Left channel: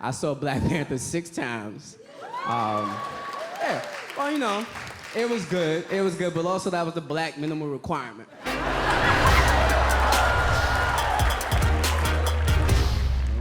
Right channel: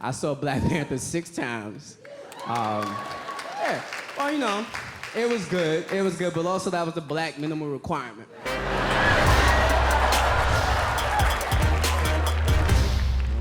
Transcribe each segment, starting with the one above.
I saw Black Panther 6 times. Yeah, well, you know, it was good. It was good, but also that was the black minimal requirement.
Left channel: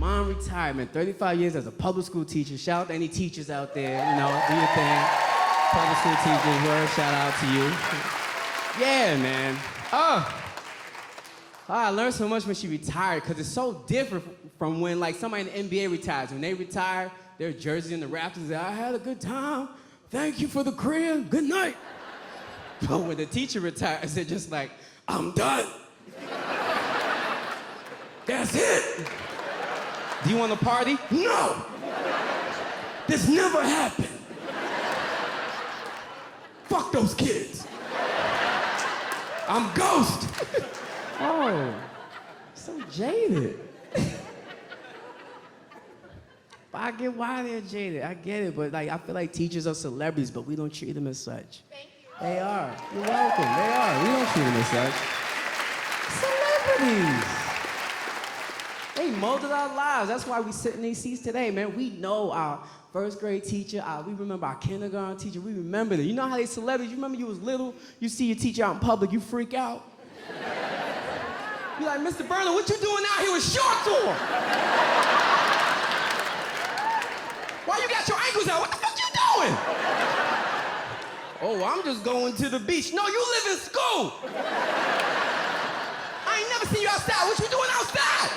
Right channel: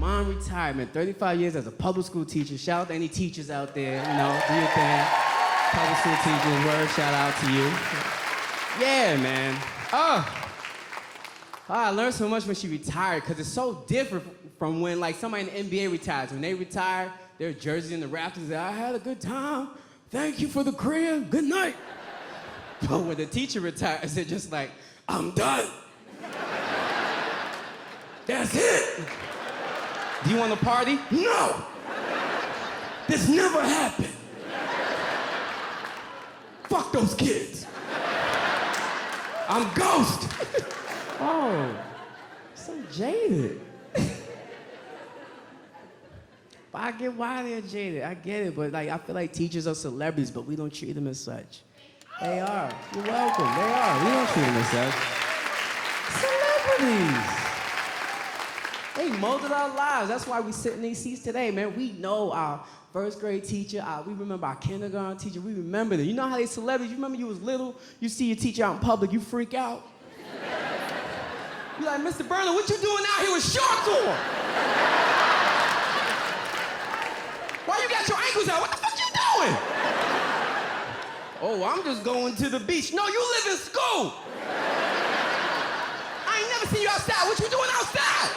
Mom retired, man. 35 years as a public school teacher. Shout out to any teachers out there, you know, do your thing. Public school teachers, word, shout out to you. Yeah, man. I learned so much when she retired, because it's so different from when, like, somebody in the NBA retires. When they retire, their jerseys in the rafters, I had a good time. Thank you for the crib. Good night. But when the teacher retires, they're just like, I'm done. That's it. Do you want to party? No. This never happened. Fuck those kids. I'm Ghost. Oh, so jaded. But I get why they're jaded. I get it, but like I feel like teachers are celebrities, but we don't treat them as such. They are. You're welcome. They are. We don't treat them as such. Celebrities. They molded our lives. That's why we sit in these seats today, man. We know our first grade teacher. We remember our kindergarten teacher. We remember them. You know how they celebrities? You remember you was little? You see your teacher out in public, you freak out. You're like, Mr. Burner, what you doing out here with shorts on? Why you got your ankles out? What the fuck you doing? Oh, I'm just going to the beach. No, you live in school. I ain't never seen you outside. What you doing outside?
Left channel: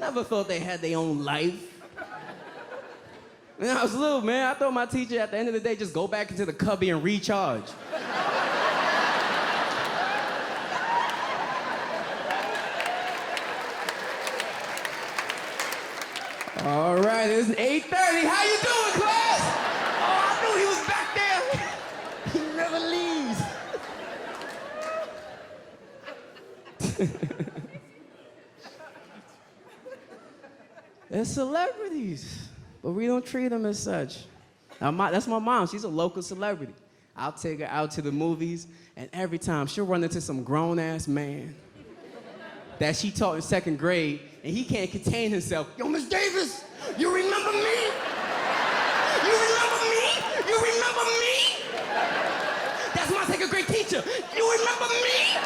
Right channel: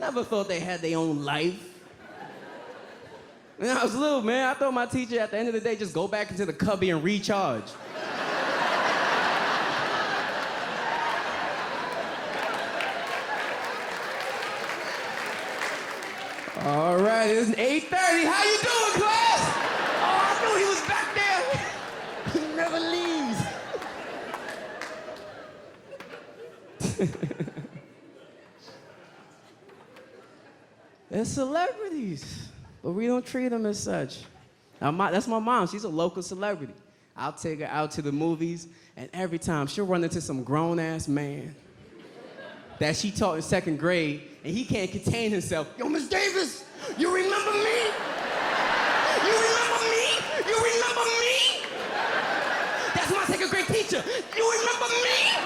Never thought they had their own life. When I was little, man, I thought my teacher at the end of the day just go back into the cubby and recharge. All right, it's 8:30. How you doing, class? Oh, I knew he was back there. He never leaves. They're celebrities, but we don't treat them as such. Now, that's my mom. She's a local celebrity. I'll take her out to the movies, and every time she'll run into some grown-ass man that she taught in 2nd grade, and he can't contain himself. Yo, Miss Davis, you remember me? You remember me? You remember me? That's my 2nd grade teacher. You remember me?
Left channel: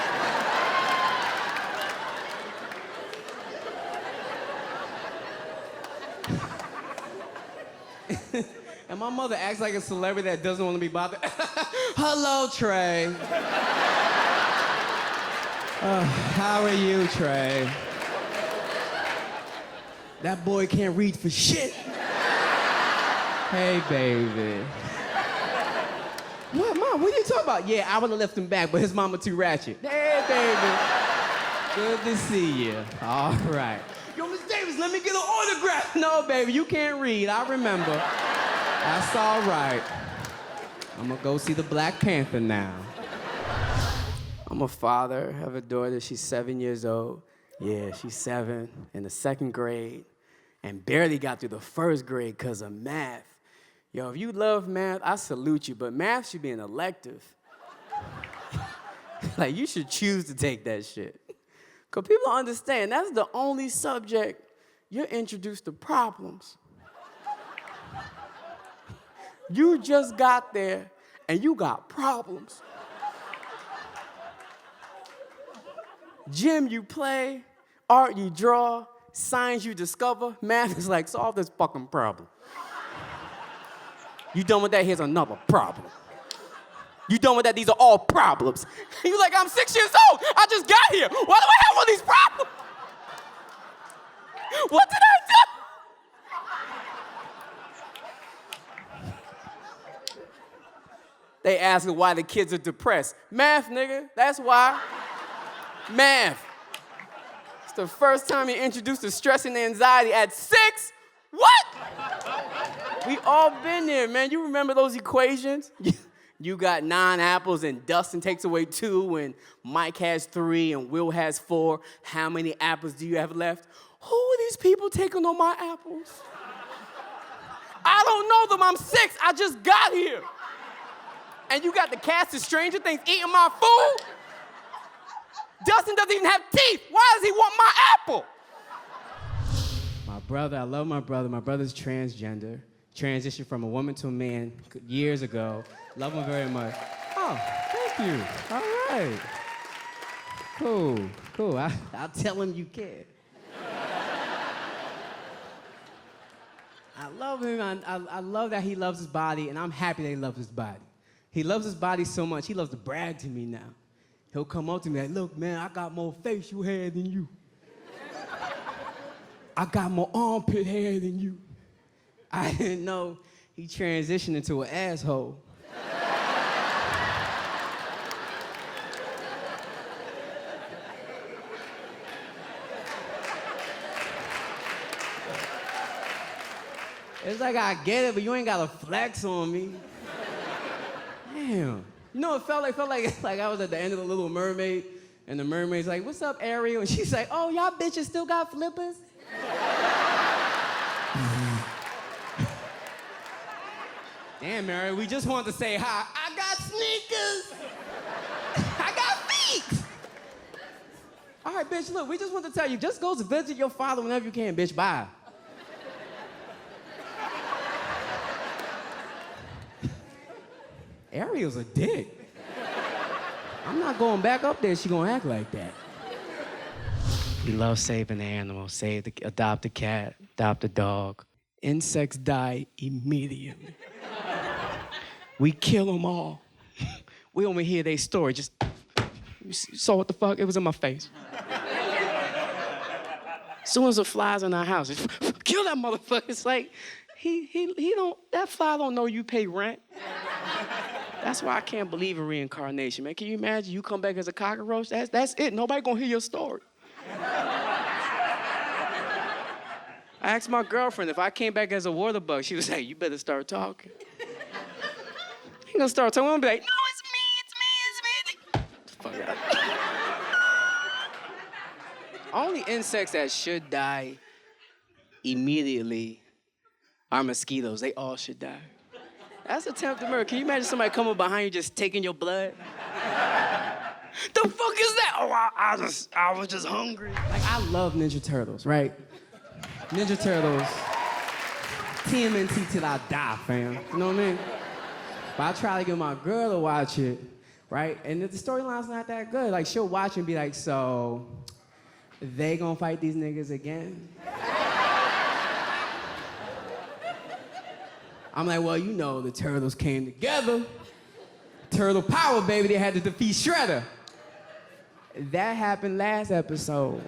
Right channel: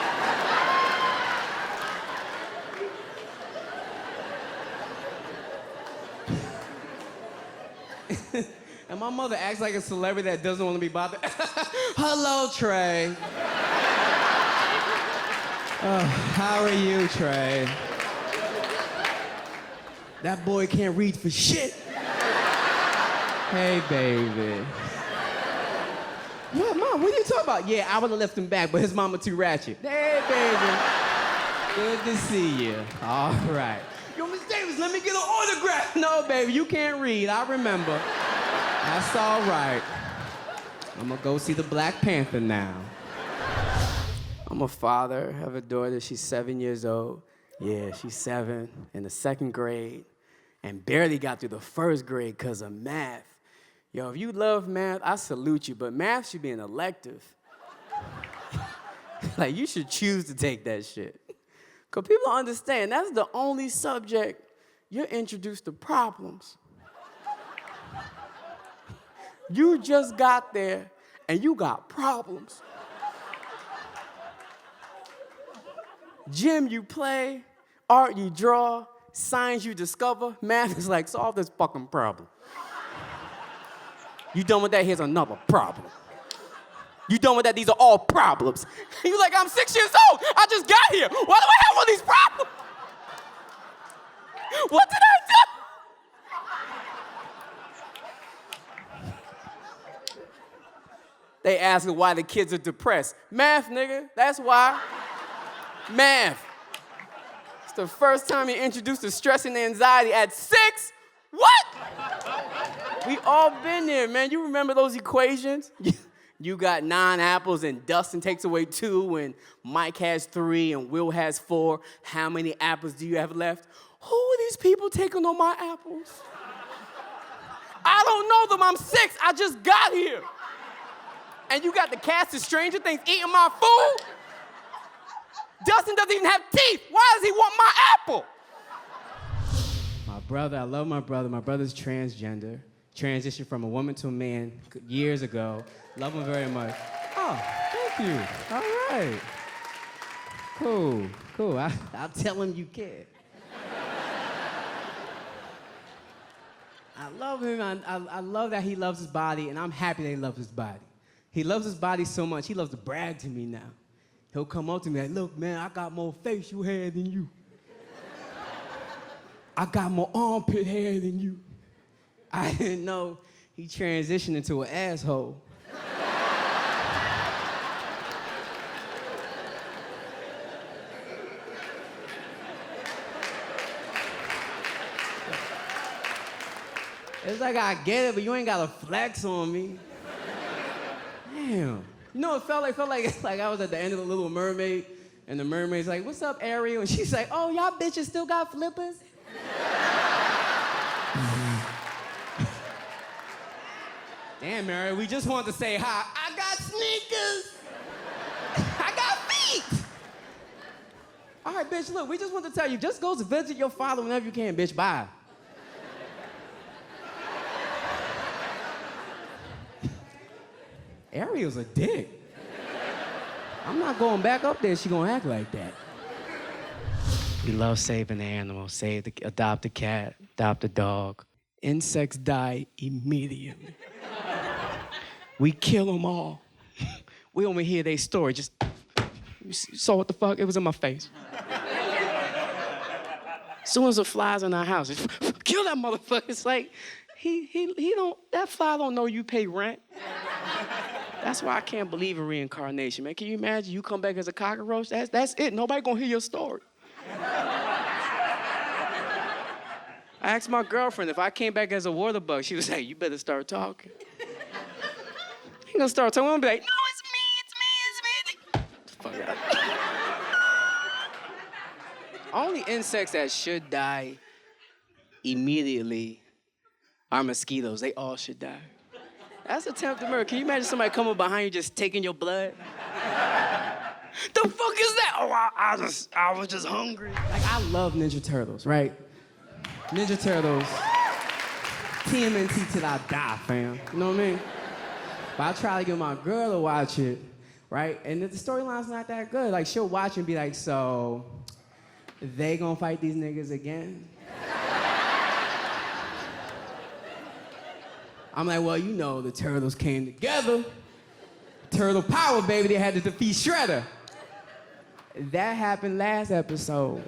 And my mother acts like a celebrity that doesn't want to be bothered. Hello, Trey. How are you, Trey? That boy can't read for shit. Hey, baby. What, Mom, what are you talking about? Yeah, I would have left him back, but his mama too ratchet. Hey, baby. Good to see you. All right. Yo, Miss Davis, let me get an autograph. No, baby, you can't read. I remember. That's all right. I'm gonna go see the Black Panther now. I'm a father of a daughter. She's 7 years old. Yeah, she's 7 in the 2nd grade and barely got through the 1st grade because of math. Yo, if you love math, I salute you, but math should be an elective. Like, you should choose to take that shit. Because people don't understand, that's the only subject you're introduced to problems. You just got there and you got problems. Gym you play, art you draw, science you discover, math is like, solve this fucking problem. You done with that? Here's another problem. You done with that? These are all problems. And you're like, I'm 6 years old. I just got here. Why do I have all these problems? What did I do? They ask why the kids are depressed. Math, nigga, that's why. Math. It's the first time you're introduced to stress and anxiety at 6? What? We all been there, man. You remember those equations? You got 9 apples and Dustin takes away 2 and Mike has 3 and Will has 4. How many apples do you have left? Who are these people taking on my apples? I don't know them. I'm 6. I just got here. And you got the cast of Stranger Things eating my food? Dustin doesn't even have teeth. Why does he want my apple? My brother, I love my brother. My brother's transgender. Transitioned from a woman to a man years ago. Love him very much. Oh, thank you. All right. Cool. I'll tell him you can. I love him. I love that he loves his body, and I'm happy that he loves his body. He loves his body so much, he loves to brag to me now. He'll come up to me like, look, man, I got more facial hair than you. I got more armpit hair than you. I didn't know he transitioned into an asshole. It's like I get it, but you ain't gotta flex on me. Damn. You know what it felt like? It felt like I was at the end of The Little Mermaid, and the mermaid's like, what's up, Ariel? And she's like, oh, y'all bitches still got flippers? Damn, Ariel, we just wanted to say hi. I got sneakers. I got feet. All right, bitch, look, we just want to tell you, just go to visit your father whenever you can, bitch, bye. Ariel's a dick. I'm not going back up there, she gonna act like that. We love saving the animals. Adopt a cat, adopt a dog. Insects die immediately. We kill them all. We only hear their story, just, you saw what the fuck? It was in my face. As soon as it flies in our house, it's, kill that motherfucker. It's like, that fly don't know you pay rent. That's why I can't believe in reincarnation, man. Can you imagine you come back as a cockroach? That's it. Nobody gonna hear your story. I asked my girlfriend if I came back as a water bug. She was like, you better start talking. He gonna start talking. I'm gonna be like, no, it's me. Fuck out. Only insects that should die immediately are mosquitoes. They all should die. That's attempted murder. Can you imagine somebody coming behind you just taking your blood? The fuck is that? Oh, I was just hungry. Like, I love Ninja Turtles, right? Ninja Turtles, TMNT till I die, fam. You know what I mean? But I try to get my girl to watch it, right? And the storyline's not that good. Like, she'll watch and be like, so, they gonna fight these niggas again? I'm like, well, you know, the Turtles came together. Turtle power, baby, they had to defeat Shredder. That happened last episode.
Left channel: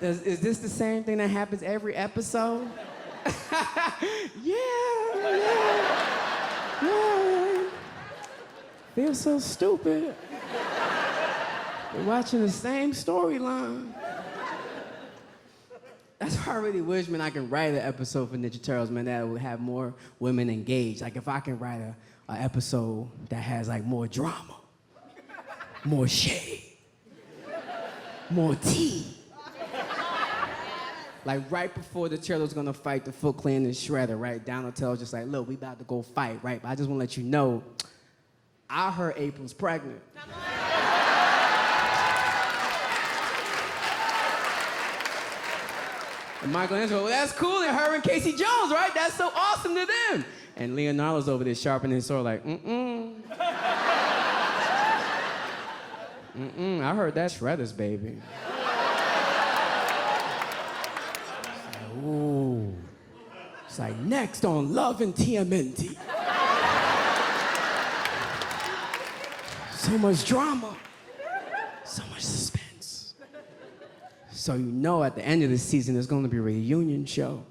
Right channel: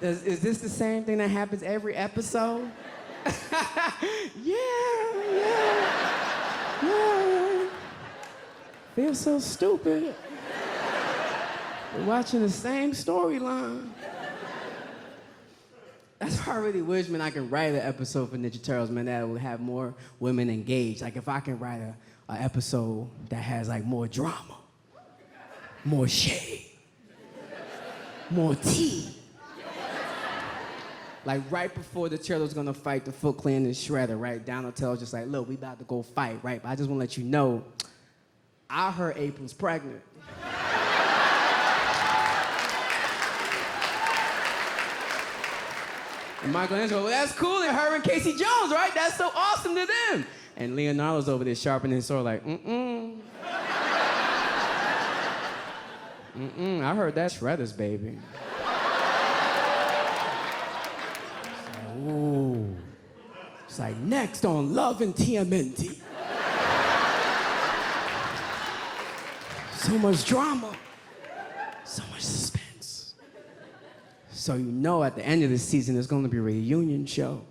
Is this the same thing that happens every episode? Yeah. They're so stupid. We're watching the same storyline. That's why I really wish, man, I can write an episode for Ninja Turtles, man, that would have more women engaged. Like, if I can write an episode that has, like, more drama, more shade, more tea. Like, right before the Turtles gonna fight the Foot Clan and Shredder, right? Donatello's just like, look, we about to go fight, right? But I just wanna let you know, I heard April's pregnant. And Michelangelo, well, that's cool, they're her and Casey Jones, right? That's so awesome to them. And Leonardo's over there sharpening his sword like, I heard that's Shredder's baby. Ooh. It's like, next on Love and TMNT. So much drama, so much suspense. So you know at the end of the season, there's gonna be a reunion show.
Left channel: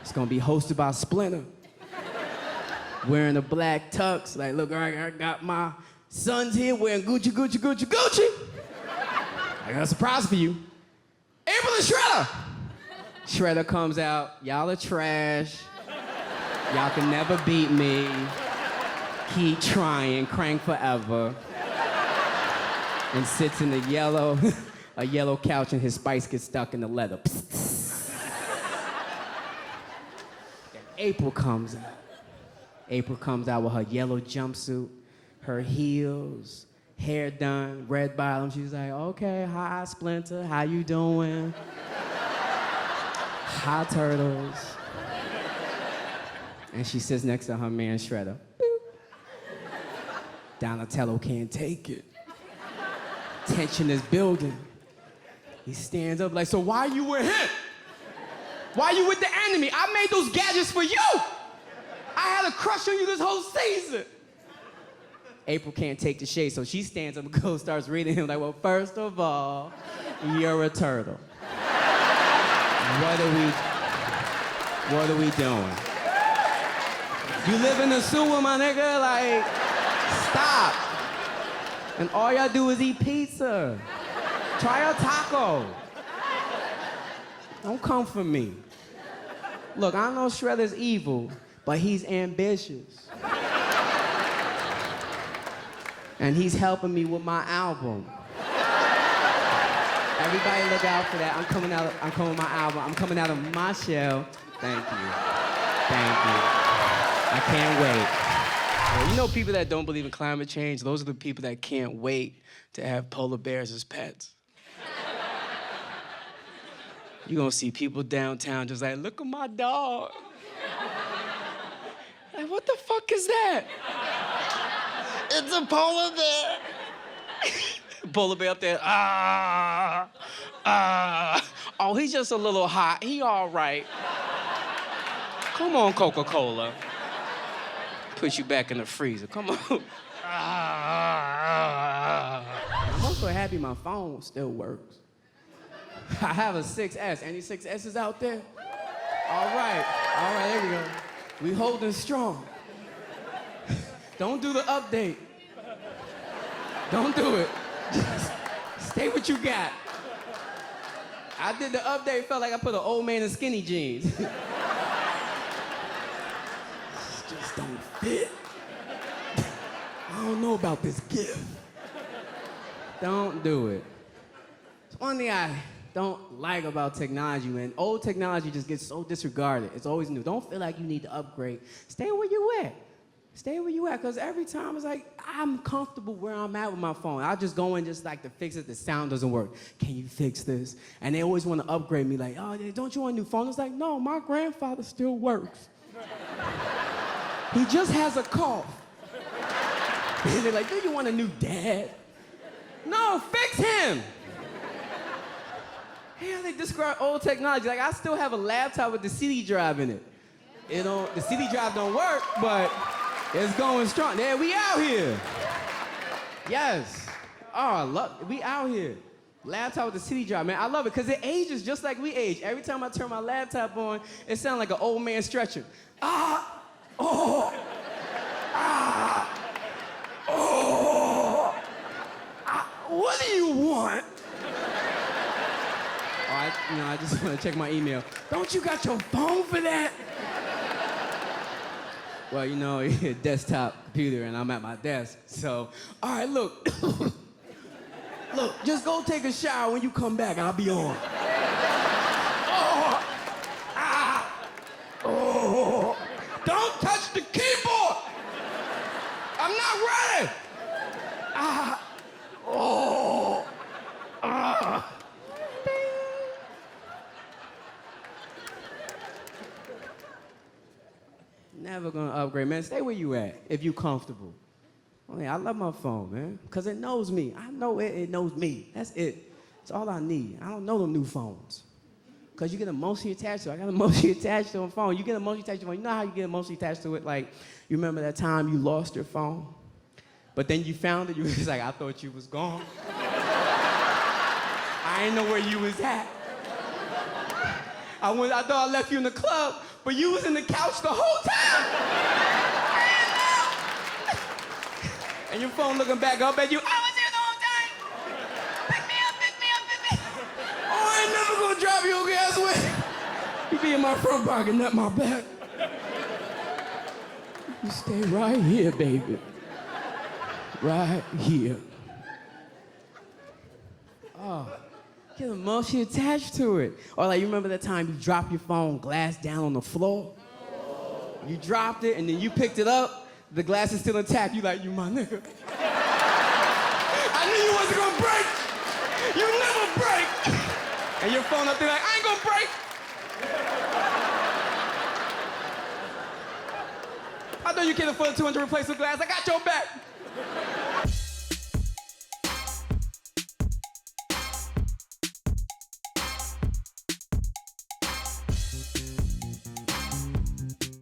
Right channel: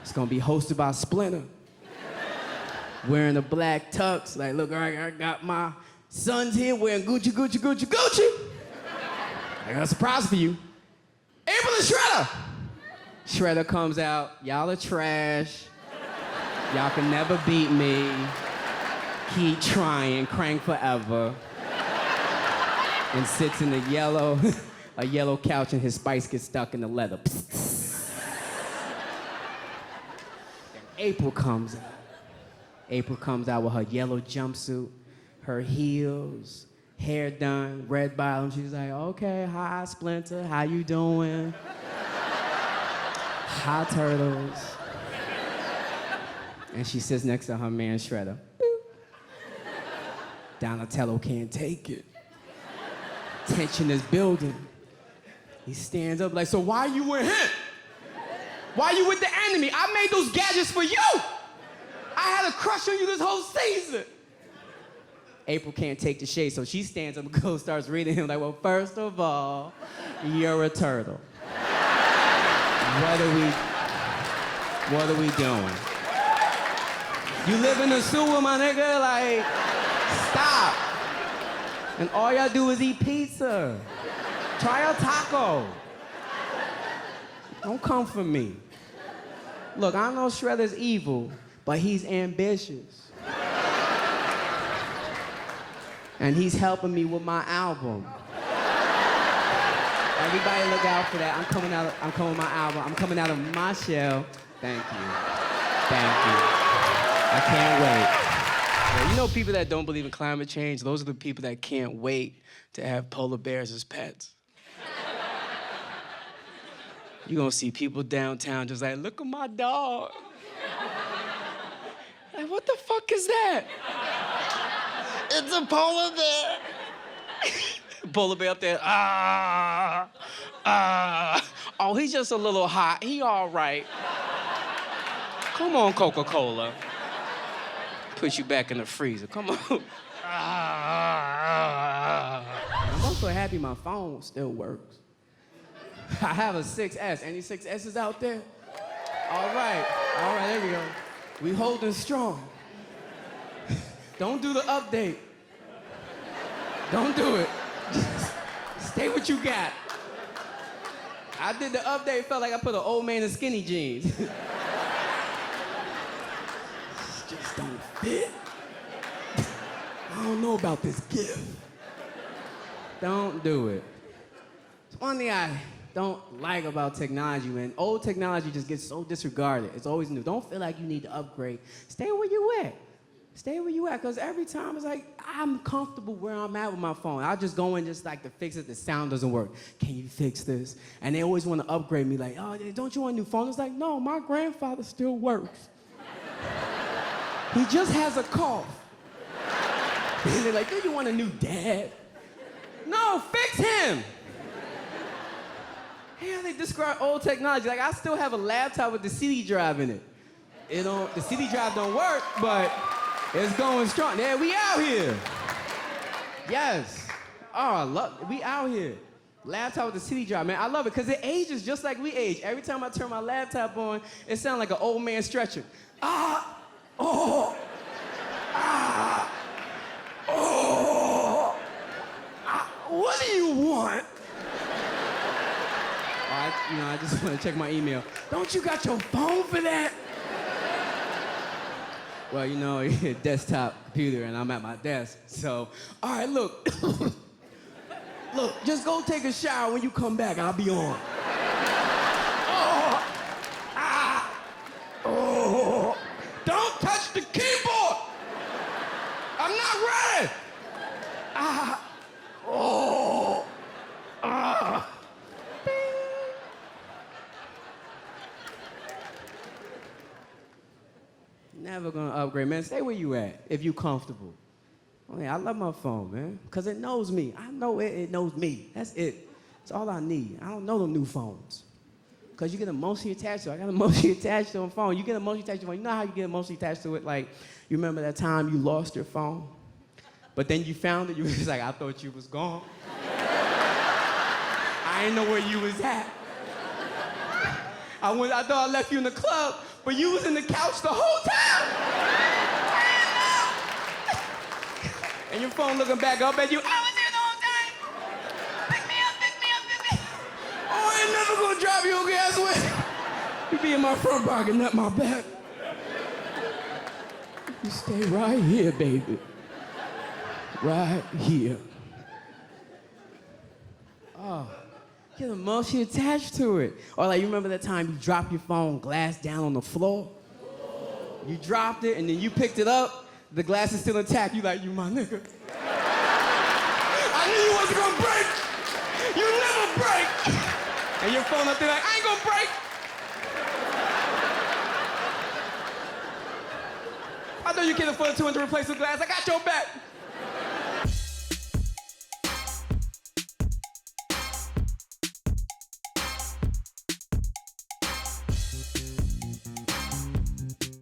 It's gonna be hosted by Splinter. Wearing a black tux, like, look, I got my sons here wearing Gucci. I got a surprise for you. April and Shredder! Shredder comes out, y'all are trash. Y'all can never beat me. Keep trying, crank forever. And sits in a yellow couch and his spice gets stuck in the leather. And April comes out with her yellow jumpsuit, her heels, hair done, red bottom. She's like, okay, hi, Splinter, how you doing? Hi, Turtles. And she sits next to her man, Shredder. Boop. Donatello can't take it. Tension is building. He stands up like, so why you with him? Why you with the enemy? I made those gadgets for you. I had a crush on you this whole season. April can't take the shade, so she stands up and goes, starts reading him like, well, first of all, you're a turtle. What are we doing? You live in the sewer, my nigga, like, stop. And all y'all do is eat pizza. Try a taco. Don't come for me. Look, I know Shredder's evil, but he's ambitious. And he's helping me with my album. Everybody look out for that. I'm coming with my album. I'm coming out of my shell. Thank you. I can't wait. Yeah, you know people that don't believe in climate change, those are the people that can't wait to have polar bears as pets. You're gonna see people downtown just like, look at my dog. Like, what the fuck is that? It's a polar bear. Polar bear up there, Oh, he's just a little hot. He all right. Come on, Coca-Cola. Put you back in the freezer. Come on. I'm so happy my phone still works. I have a 6S. Any 6S's out there? All right, there we go. We holding strong. Don't do the update. Don't do it. Just stay what you got. I did the update, felt like I put an old man in skinny jeans. Just don't fit. I don't know about this gift. Don't do it. It's one thing I don't like about technology, man. Old technology just gets so disregarded. It's always new. Don't feel like you need to upgrade. Stay where you at. Stay where you at, because every time it's like, I'm comfortable where I'm at with my phone. I'll just go in just like to fix it. The sound doesn't work. Can you fix this? And they always want to upgrade me like, oh, don't you want a new phone? It's like, no, my grandfather still works. He just has a cough. And they're like, do you want a new dad? No, fix him. How they describe old technology? Like, I still have a laptop with the CD drive in it. The CD drive don't work, but it's going strong. Yeah, we out here. Yes. Oh, look, we out here. Laptop with the CD drive, man. I love it because it ages just like we age. Every time I turn my laptop on, it sounds like an old man stretching. What do you want? I just want to check my email. Don't you got your phone for that? Well, desktop computer, and I'm at my desk. So, all right, look. Look, just go take a shower. When you come back, I'll be on. Don't touch the keyboard. I'm not ready. Never gonna upgrade, man. Stay where you at if you comfortable. I love my phone, man, because it knows me. I know it knows me. That's it. It's all I need. I don't know them new phones. Because you get emotionally attached to it. I got emotionally attached to a phone. You get emotionally attached to a phone. You know how you get emotionally attached to it? Like, you remember that time you lost your phone? But then you found it. You was like, I thought you was gone. I didn't know where you was at. I thought I left you in the club, but you was in the couch the whole time. And your phone looking back up at you. I was here the whole time. Pick me up. Oh, I ain't never gonna drive your gas away. You be in my front pocket, not my back. You stay right here, baby. Right here. Oh, get emotionally attached to it. Or like, you remember that time you dropped your phone glass down on the floor? You dropped it and then you picked it up. The glass is still intact. You like, you my nigga. I knew you wasn't gonna break. You never break. And your phone up there like, I ain't gonna break. I know you can't afford $200 replacement glass. I got your back.